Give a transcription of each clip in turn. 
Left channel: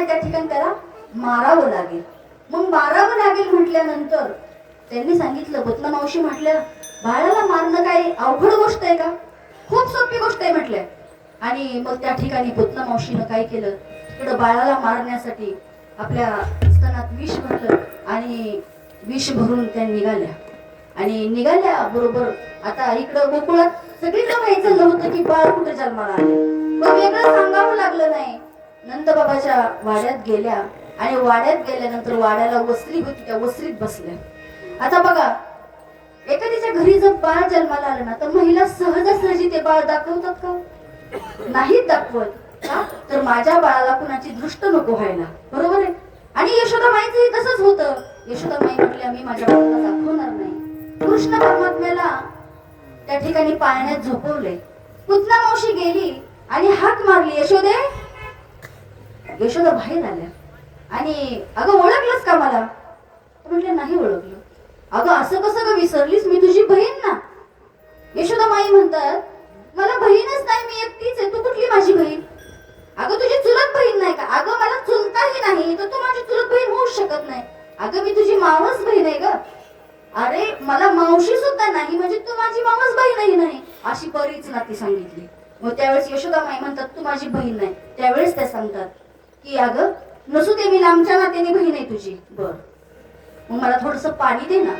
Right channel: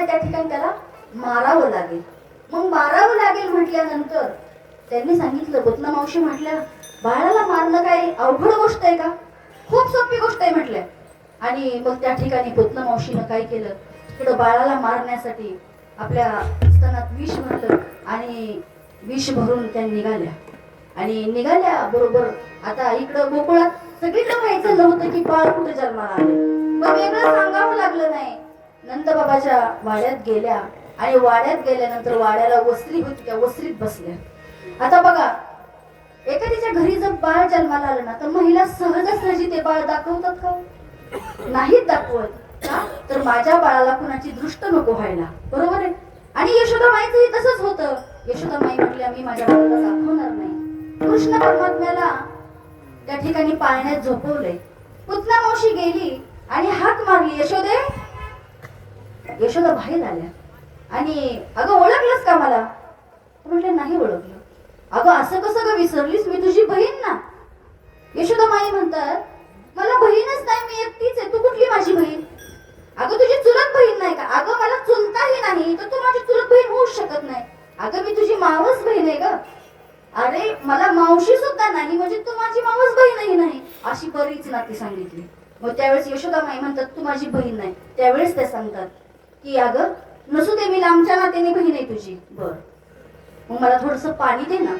आणि त्या ठिकाणी त्याला मारावं लागेल. मग मारावं लागेल म्हटल्यानंतर त्यांनी सांगितलं, पुतना मावशी म्हटल्या, बाळाला मारणं काय अवघड गोष्ट आहे का? खूप सोपी गोष्ट आहे म्हटल्या. आणि मग त्या ठिकाणी पुतना मावशीनं काय केलं, तिकडं बाळाला मारण्यासाठी आपल्या स्तनात विष भरलं आणि विष भरून त्या निघाल्या. आणि निघाल्या बरोबर आता इकडं गोकुळात सगळीकडे माहित झालं होतं की बाळ कुठे जन्माला आले. मग वेगळं सांगावं लागलं नाही. नंदबाबाच्या वाड्यात गेल्या आणि वाड्यात गेल्यानंतर वाड्याला वस्त्री होती, त्या वस्त्रीत बसल्या. आता बघा, एखाद्याच्या घरी जर बाळ जन्माला आलं ना तर महिला सहजासहजी ते बाळ दाखवतात का? नाहीत दाखवत. का तर माझ्या बाळाला कुणाची दृष्ट नको व्हायला, बरोबर आहे. आणि यशोदामाईचंही तसंच होतं. यशोदामाई म्हटल्या, मी माझ्या बाळाला दाखवणार नाही. कृष्ण परमात्म्याला त्या ठिकाणी पाळण्यात झोपवले. पुतना मावशी गेली आणि हाक मारली, यशोदे. यशोदा बाहेर आल्या आणि अगं ओळखलंस का मला? म्हटलं नाही ओळखलं. अगं असं कसं ग विसरलीस, मी तुझी बहीण ना. यशोदामाई म्हणतात, मला बहीणच नाही, मी एकटीच आहे, तू कुठली माझी बहीण? अगं तुझी चुलत बहीण नाही का? अगं मला चुलताही नाही तर तू माझी चुलत बहीण होऊच शकत नाही. अगं मी तुझी मावस बहीण आहे ग. अरे मला मावशी सुद्धा नाही म्हणजे तू माझी मावस बहीणही नाही. अशी बरीच नाती सांगितली. मग त्यावेळेस यशोदामाई म्हणतात, तू माझी बहीण नाही. त्यावेळेस ते सांगतात की अगं नसू दे, मी लांबच्या नात्याने बहीण आहे तुझी. बर, मग मला थोडस पाणी दे ना.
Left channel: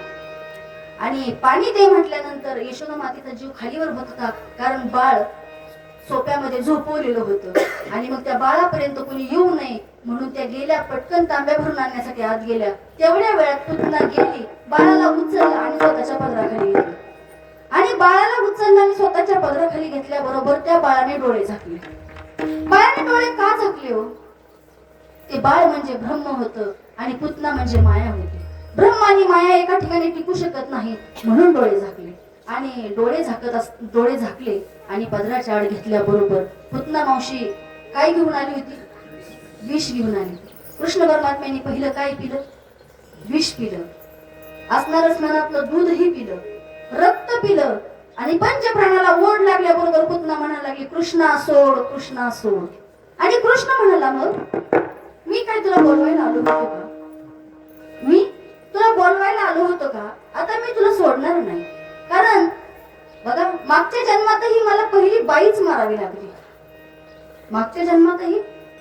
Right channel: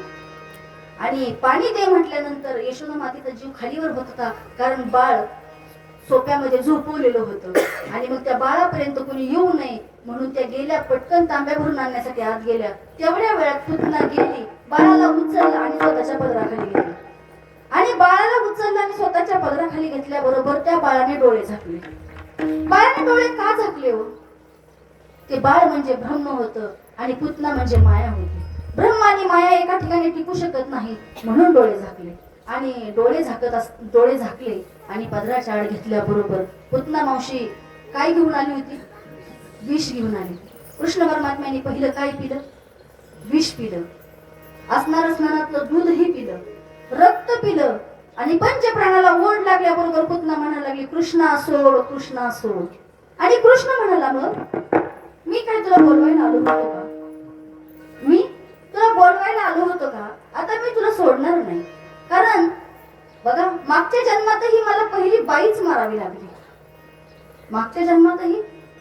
आणि पाणी दे म्हटल्यानंतर यशोदा मातेचा जीव खालीवर होत होता, कारण बाळ सोप्यामध्ये झोपवलेलं होतं. आणि मग त्या बाळापर्यंत कोणी येऊ नये म्हणून त्या गेल्या, पटकन तांब्या भरून आणण्यासाठी आत गेल्या. तेवढ्या वेळात पुतना गेली, बाळाला उचललं आणि स्वतःच्या पदराखाली घेतलं. आणि बाळाला उचललं आणि स्वतःच्या पदराखाली घेतल्याबरोबर त्या बाळाने डोळे झाकले. बाळाने डोळे का झाकले हो? ते बाळ म्हणजे ब्रह्म होतं आणि पुतना म्हणजे माया होती. ब्रह्म आणि माया एका ठिकाणी टिकू शकत नाही म्हणून डोळे झाकले. आणि डोळे झाकले आणि पदराच्या आड घेतल्याबरोबर पुतना मावशी काय घेऊन आली होती? विष घेऊन आली. कृष्ण परमात्म्याने पहिलं काय पिलं? विष पिलं. असणारं स्नानातलं दूधही पिलं, रक्त पिलं. आणि पंचप्राणाला ओढ लागल्याबरोबर पुतना म्हणायला लागली, कृष्णा सोड, कृष्णा सोड. आणि कृष्ण म्हणाला, मग मी काय तुला बोलवायला आलो होतो का? मी तुला बोलवायला आलो होतो का? आता मी तुला सोडणार नाही. कारण बघा, मागच्या जन्मातही मला पहिली बाईच मारावी लागली. मागच्या जन्मातही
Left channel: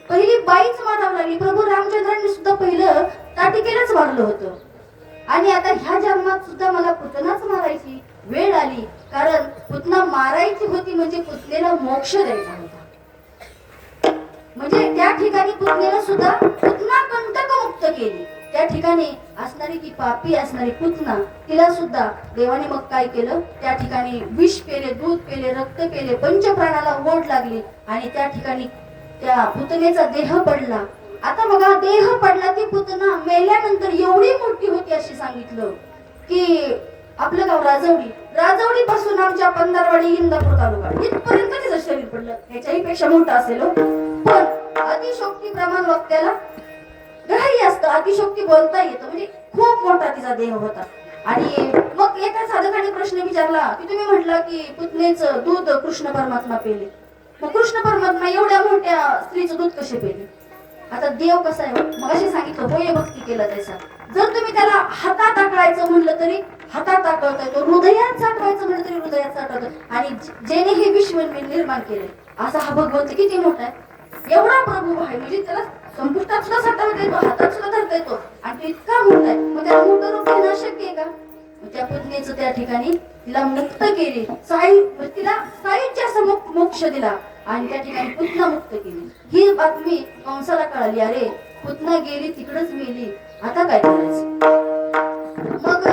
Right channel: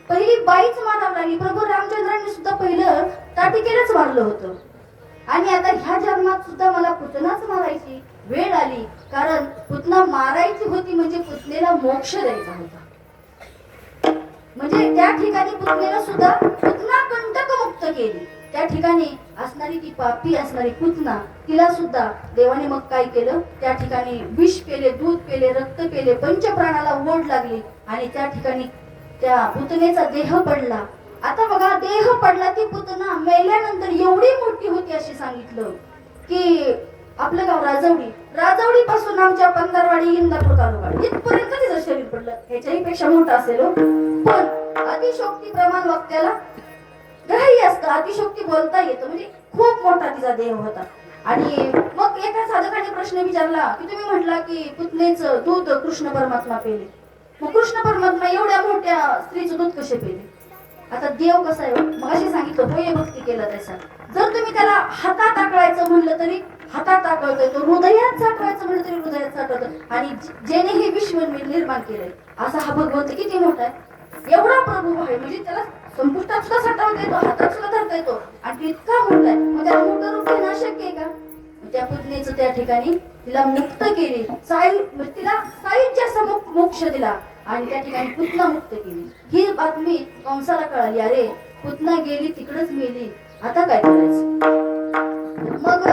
पहिली बाईच मारावी लागली. प्रभू रामचंद्रांनी सुद्धा पहिलं ताटिकेलाच मारलं होतं. आणि आता ह्या जन्मात सुद्धा मला पुतनाच मारायची वेळ आली. कारण पुतना मारायची होती म्हणजे पुतनेला मोक्ष द्यायचा होता. म्हणजे त्या ठिकाणी पुतनेला सुद्धा पुतना कंटक मुक्त केली. त्या ठिकाणी असणारी ती पापी असणारी पुतना, तिला सुद्धा देवाने मग काय केलं? त्या ठिकाणी विष पेले, दूध पेले, रक्त पेले, पंचप्राणाला ओढ लागली. आणि त्या ठिकाणी त्या पुतनेचा देह पडला. आता बघा, देह पडला, ती पुतना मेल्यानंतर एवढी मोठी होती अशी सांगितलं की आपलं गाव राजवडी पासून आमच्या पंधरवाडी इंदापूर तालुका इथपर्यंत तिचं शरीर पडलं. याच्याही पेक्षा मोठं असेल. पण अतिशोक्ती प्रमाण वक्त्याला ग्राह्य असतं, अतिशोक्ती बोलता येतं. म्हणजे खूप मोठा तिचा देह होता. आणि मग एका साधकाने प्रश्न विचारला की तुम्ही म्हटला की पुतनेचं दूध कृष्ण परमात्मा पेले, मग कृष्ण परमात्मा एवढ्या मोठ्या स्त्रीचं दूध कसे पेले? आता देव कसा आहे? मग अशी सांगितलं, होय भक्ती केला त्याचा. जर तुम्ही त्याला हातात आकळायचं म्हणलं तरी हातात आकळता येतो, हृदयात साठवायचं म्हणलं तरी हृदयात साठवतं. आणि ज्याने हे विश्व निर्माण केलंय असा हा भगवंत किती मोठा आहे, एवढा प्रभू आहे. म्हणजे त्याला संपुष्टात सुद्धा साठवता येतो, हातात सुद्धा धरता येतो. आणि तो इतका मोठा आहे, मग त्याला मोठं रूप घेणं शक्य आहे का? त्या पुतनेचं त्या ठिकाणी तिला मुक्त केली, तिला साईच्या मोक्ष दिला आणि त्या ठिकाणी पुतना मुक्त केली. ही बातमी कंसाला कळाली. अरे पुतना गेली, तिकडच मेली, आता काय करायचं? मग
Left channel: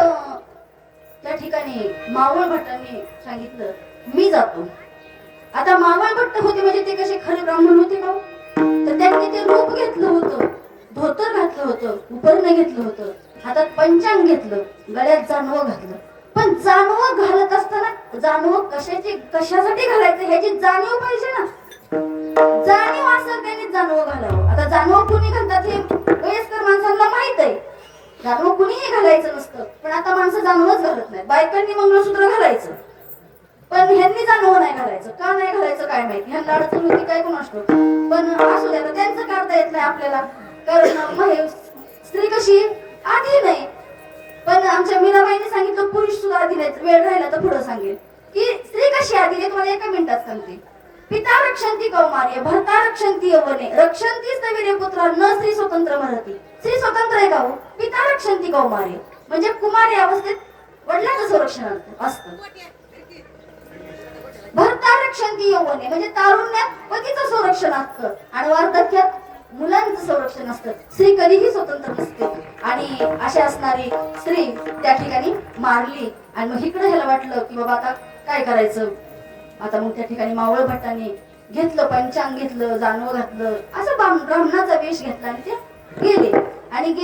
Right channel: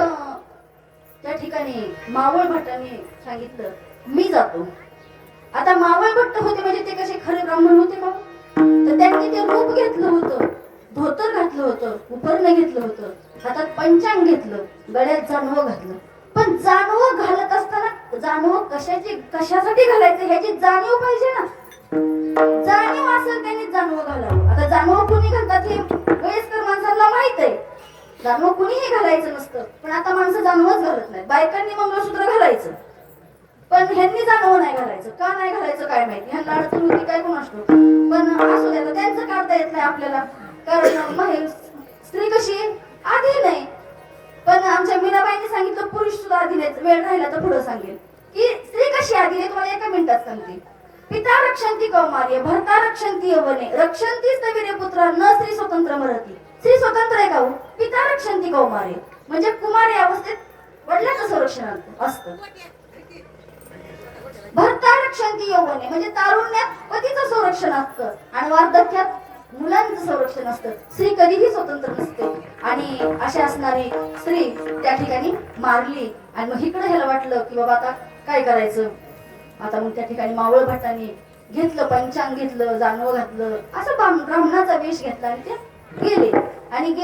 त्या ठिकाणी मावळ भट्टांनी सांगितलं, मी जातो. आता मावळ भट्ट होते म्हणजे ते कसे खरे ब्राह्मण होते का? तर त्यांनी ते रूप घेतलं होतं, धोतर घातलं होतं, उपरणं घेतलं होतं, हातात पंचांग घेतलं, गळ्यात जानवं घातलं. पण जानवं घालत असताना जानवं कशासाठी घालायचं ह्याची जाणीव पाहिजे ना. जाणीव असेल त्यांनी जानवं घालावं. आता जानवं कुणी घालतात हे वयस्कर माणसांना माहित आहे. जानवं कुणीही घालायचं नसतं, पण आता माणसं जानवंच घालत नाहीत. बायकांनी मंगळसूत्र घालायचं, पण ह्यांनी जाणवं नाही घालायचं. का नाही घालायचं काय माहिती, ह्यांना अडचण होती काय कोण असतो. पण असू द्या, त्यांचं करता येत नाही आपल्याला, कारण स्त्री कशी आधी नाही. पण आमच्या मीराबाईंनी सांगितलं पुरुष सुद्धा आधी नाही, वेळ राहिला तर पुढे सांगेल की स्त्री कशी आधी नाही. तुम्हाला एका मिनिटात सांगते. पिता रक्षंती कौमार्य भर्ता रक्षंती यौवने रक्षंती वीर्यपुत्र न स्त्री स्वतंत्र मरती. स्त्री स्वतंत्र आहे का हो? पिता रक्षंती कौमार्य म्हणजे कुमारी अवस्थेत वडिलांचं संरक्षण असतं. भर्ता रक्षंती यौवने म्हणजे तारुण्यात पतीचं संरक्षण असतं आणि वार्धक्यात मुलांचं संरक्षण असतं. स्त्री कधीही स्वतंत्र नसते. आणि अशी असणारी स्त्री त्या ठिकाणी मारली. आणि मग इकडे ह्याला वाटलं की बाबा आता काय करायचं. आता मग त्या ठिकाणी मावळ भट्टांनी घेतलं, पंचांग घेतलं, जानव घातलं, असं ब्राह्मणाचा वेश घेतला आणि ते गेले. आणि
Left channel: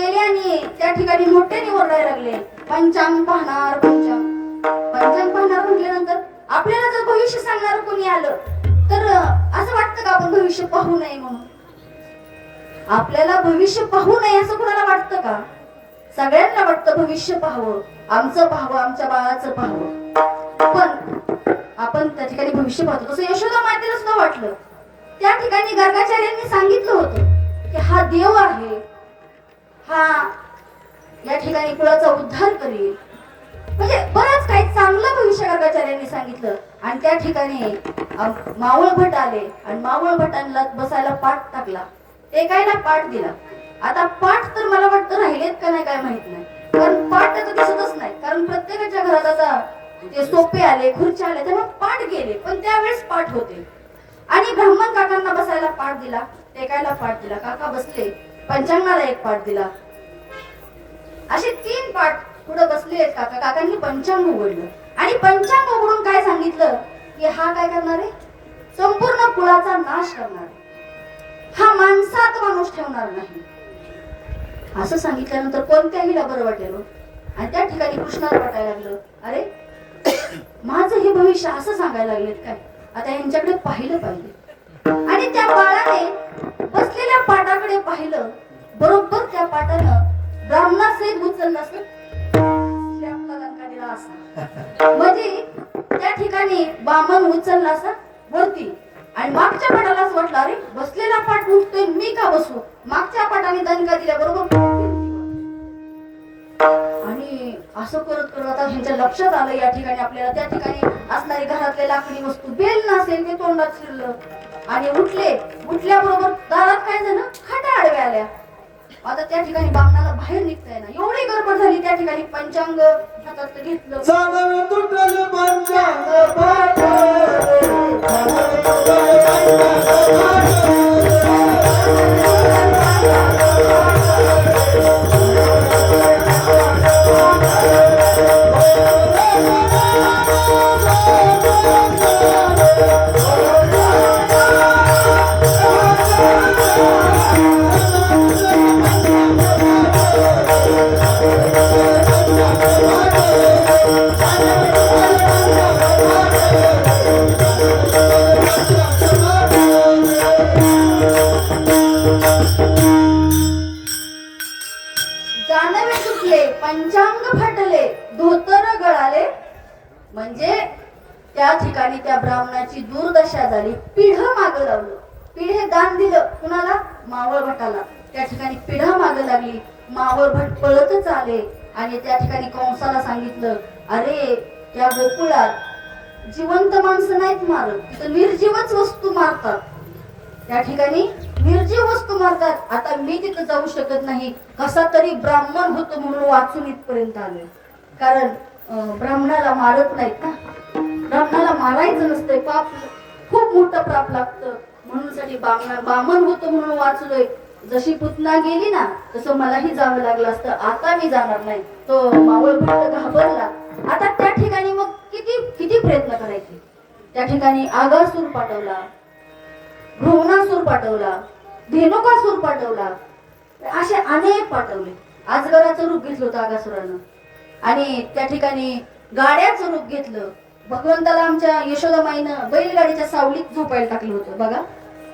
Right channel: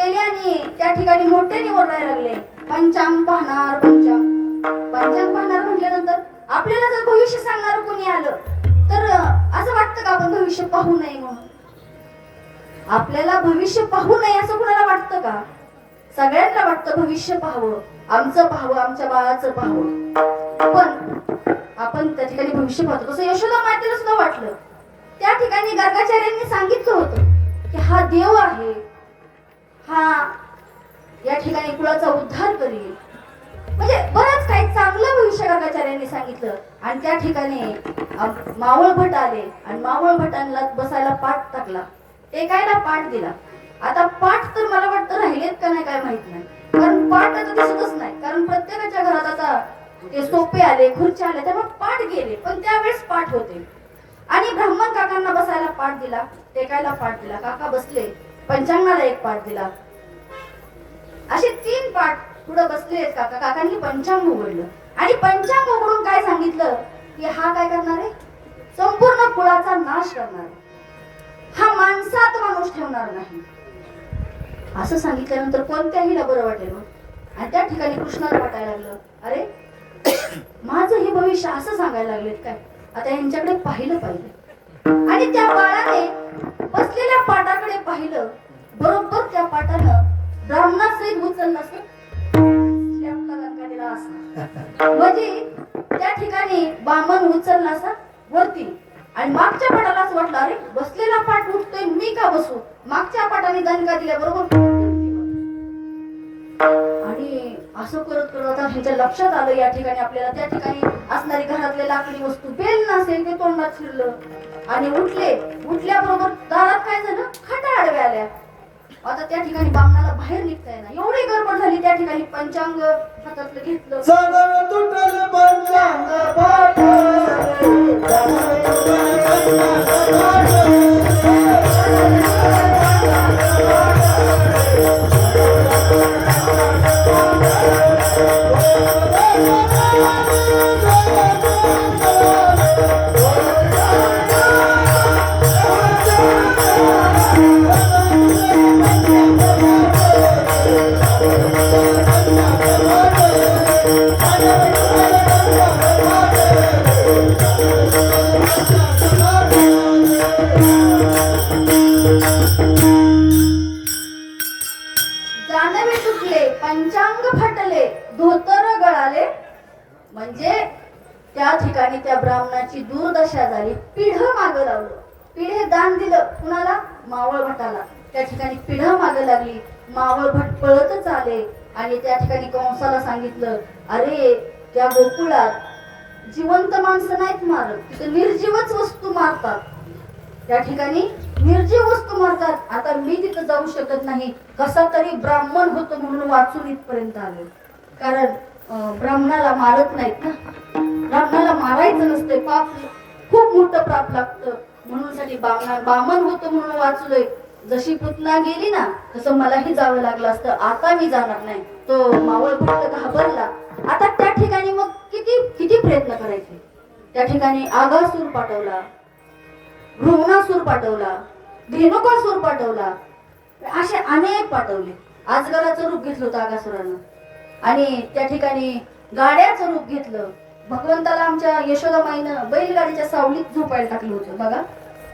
त्या ठिकाणी मोठ्याने ओरडायला लागले, पंचांग पाहणार, पंचांग पाहणार म्हटल्यानंतर आपल्याला जर भविष्य सांगणार कोणी आलं तर असं वाटतं का आपण भविष्य पाहू नये म्हणून. आपल्याला भविष्य पाहू नये असं कोणाला वाटतं का? सगळ्यांना वाटतं भविष्य पाहावं, आमचं पाहावं, आमच्या बाळाचं पाहावं. पण आपण त्या ठिकाणी भविष्य पाहतो. तसं यशोदा मातेला सुद्धा वाटलं. त्या ठिकाणी गर्गाचार्यांनी सांगितलं होतं की हा देव आहे, हा या ठिकाणी कुळाचा उद्धार करेल. म्हणजे बरंच काही चांगलं भविष्य गर्गाचार्यांनी सांगितलं. आणि त्या ठिकाणी मावळ भट आले आणि मावळ भटांना बसायला पाठ टाकला, टेकायला पाठ दिला. आता पाठ तर मला वाटतं राहिलेत का नाही काय माहित नाही, कारण पाठ आता दिसतच नाही. कारण प्रत्येकाच्या घरात आता ते सोपे आले, खुर्च्या आले, त्यामुळे पाठ गेले. पण त्यावेळेस पाठ होते. आणि ब्राह्मण काकांना बसायला पाठ दिला, टेकायला पाठ दिला, काका बसले, पंचांगाला एक पाठ दिला. असे 3 पाठ पुढे बसले आहेत काका. काकांनी पंचांग उघडलं आणि पंचांग उघडून काय सांगितलं की हा काय करणार आहे, संपूर्ण कुळाचा नाश करणार आहे, हा माणसात माणूस ठेवणार नाही. असं सांगितल्यानंतर कोणत्याहीला बरं वाटेल. आणि त्या ठिकाणी कृष्णाला वाटायला लागलं, अरे माझं हे भविष्य असं सांगायला लागलेत काय, आता यांच्याकडे पाहिलं पाहिजे. आणि त्या बाळाने बसलेल्या पाटाकडे पाहिलं. बरोबर त्या पाटानं ब्राह्मणासहित उचललं असं लंका दिला असा. म्हणजे त्या ठिकाणी बामन उचलला असा वरती. आणि मागच्या पाटाला असं वाटलं, अरे बसलेला पाठ उठतोय, मी का बसू. मागच्या पाटाने दणका दिल्या बरोबर. आणि असं करत करत आता ह्यांच्या लक्षात आलं या ठिकाणी आपल्याला त्या ठिकाणी असणारी घरातले लाकडी वस्तू, बेल नसेल ते तोंडात शिरलं. आणि उठल्याबरोबर दारात काय झालं, खाट्या आडव्या आल्या. आता त्या ठिकाणी बामणाला बाहेर निघता येईना, एवढी गडबड झाली. त्या ठिकाणी पंचांग हातातलं घेतलं, जानवे सुटले, पंचांग फाटले, धोतर गळाले. म्हणजे त्या ठिकाणी त्या ब्राह्मणाची दुर्दशा झाली. पिढं मागं लावलं. पिढे दान दिलं कुणाला, मावळ भटाला. त्या ठिकाणी पिढा मागं लागली. मावळ भट पळतच आले आणि त्या ठिकाणी कंसाला सांगितलं, अरे त्या गोकुळात जिवंत माणसं नाहीत मारत, तिथं निर्जीवच वस्तू मारतात. त्या ठिकाणी निर्जीव वस्तू मारतात. आता मी तिथं जाऊ शकत नाही. कसा तरी ब्राह्मण होतो म्हणून वाचून इथपर्यंत आले. कारण ब्राह्मणाला मारत नाहीत ना, ब्राह्मणाला मारायचं नसते, पाप खूप मोठं पाप लागतं. म्हणून साठी बामण होतं म्हणून वाचलोय. जशी पुतना गेली ना तसं मलाही जावं लागलं असतं. आता मी जाणार नाही. तो मावळ भट घाबरला. आता त्या ठिकाणी मग किती किती प्रयत्न करायचे. त्या ठिकाणी आगासूर पाठवला, भ्रूणासूर पाठवला, धेनुकासूर पाठवला, असे अनेक पाठवले. अजगराचं रूप घेतलं होतं आगासुरानं. आणि त्या ठिकाणी गाड्याचं रूप घेतलं. भगवंताला आमच्या यशोदामाईनं बैलगाडीच्या सावलीत झोपायला टाकलं होतं. बघा,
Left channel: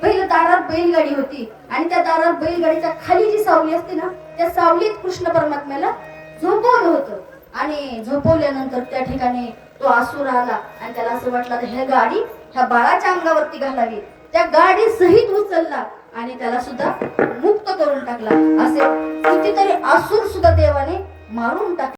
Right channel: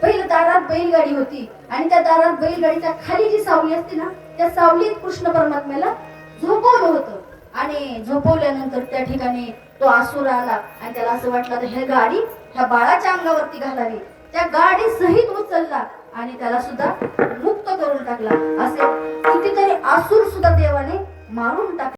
पहिलं दारात बैलगाडी होती आणि त्या दारात बैलगाडीच्या खाली जी सावली असते ना, त्या सावलीत कृष्ण परमात्म्याला झोपवलं होतं. आणि झोपवल्यानंतर त्या ठिकाणी तो असुर आला आणि त्याला असं वाटलं तर हे गाडी ह्या बाळाच्या अंगावरती घालावी. त्या गाडी सहित उचलला आणि त्याला सुद्धा मुक्त करून टाकला. असे कितीतरी असुर सुद्धा देवाने मारून टाकले.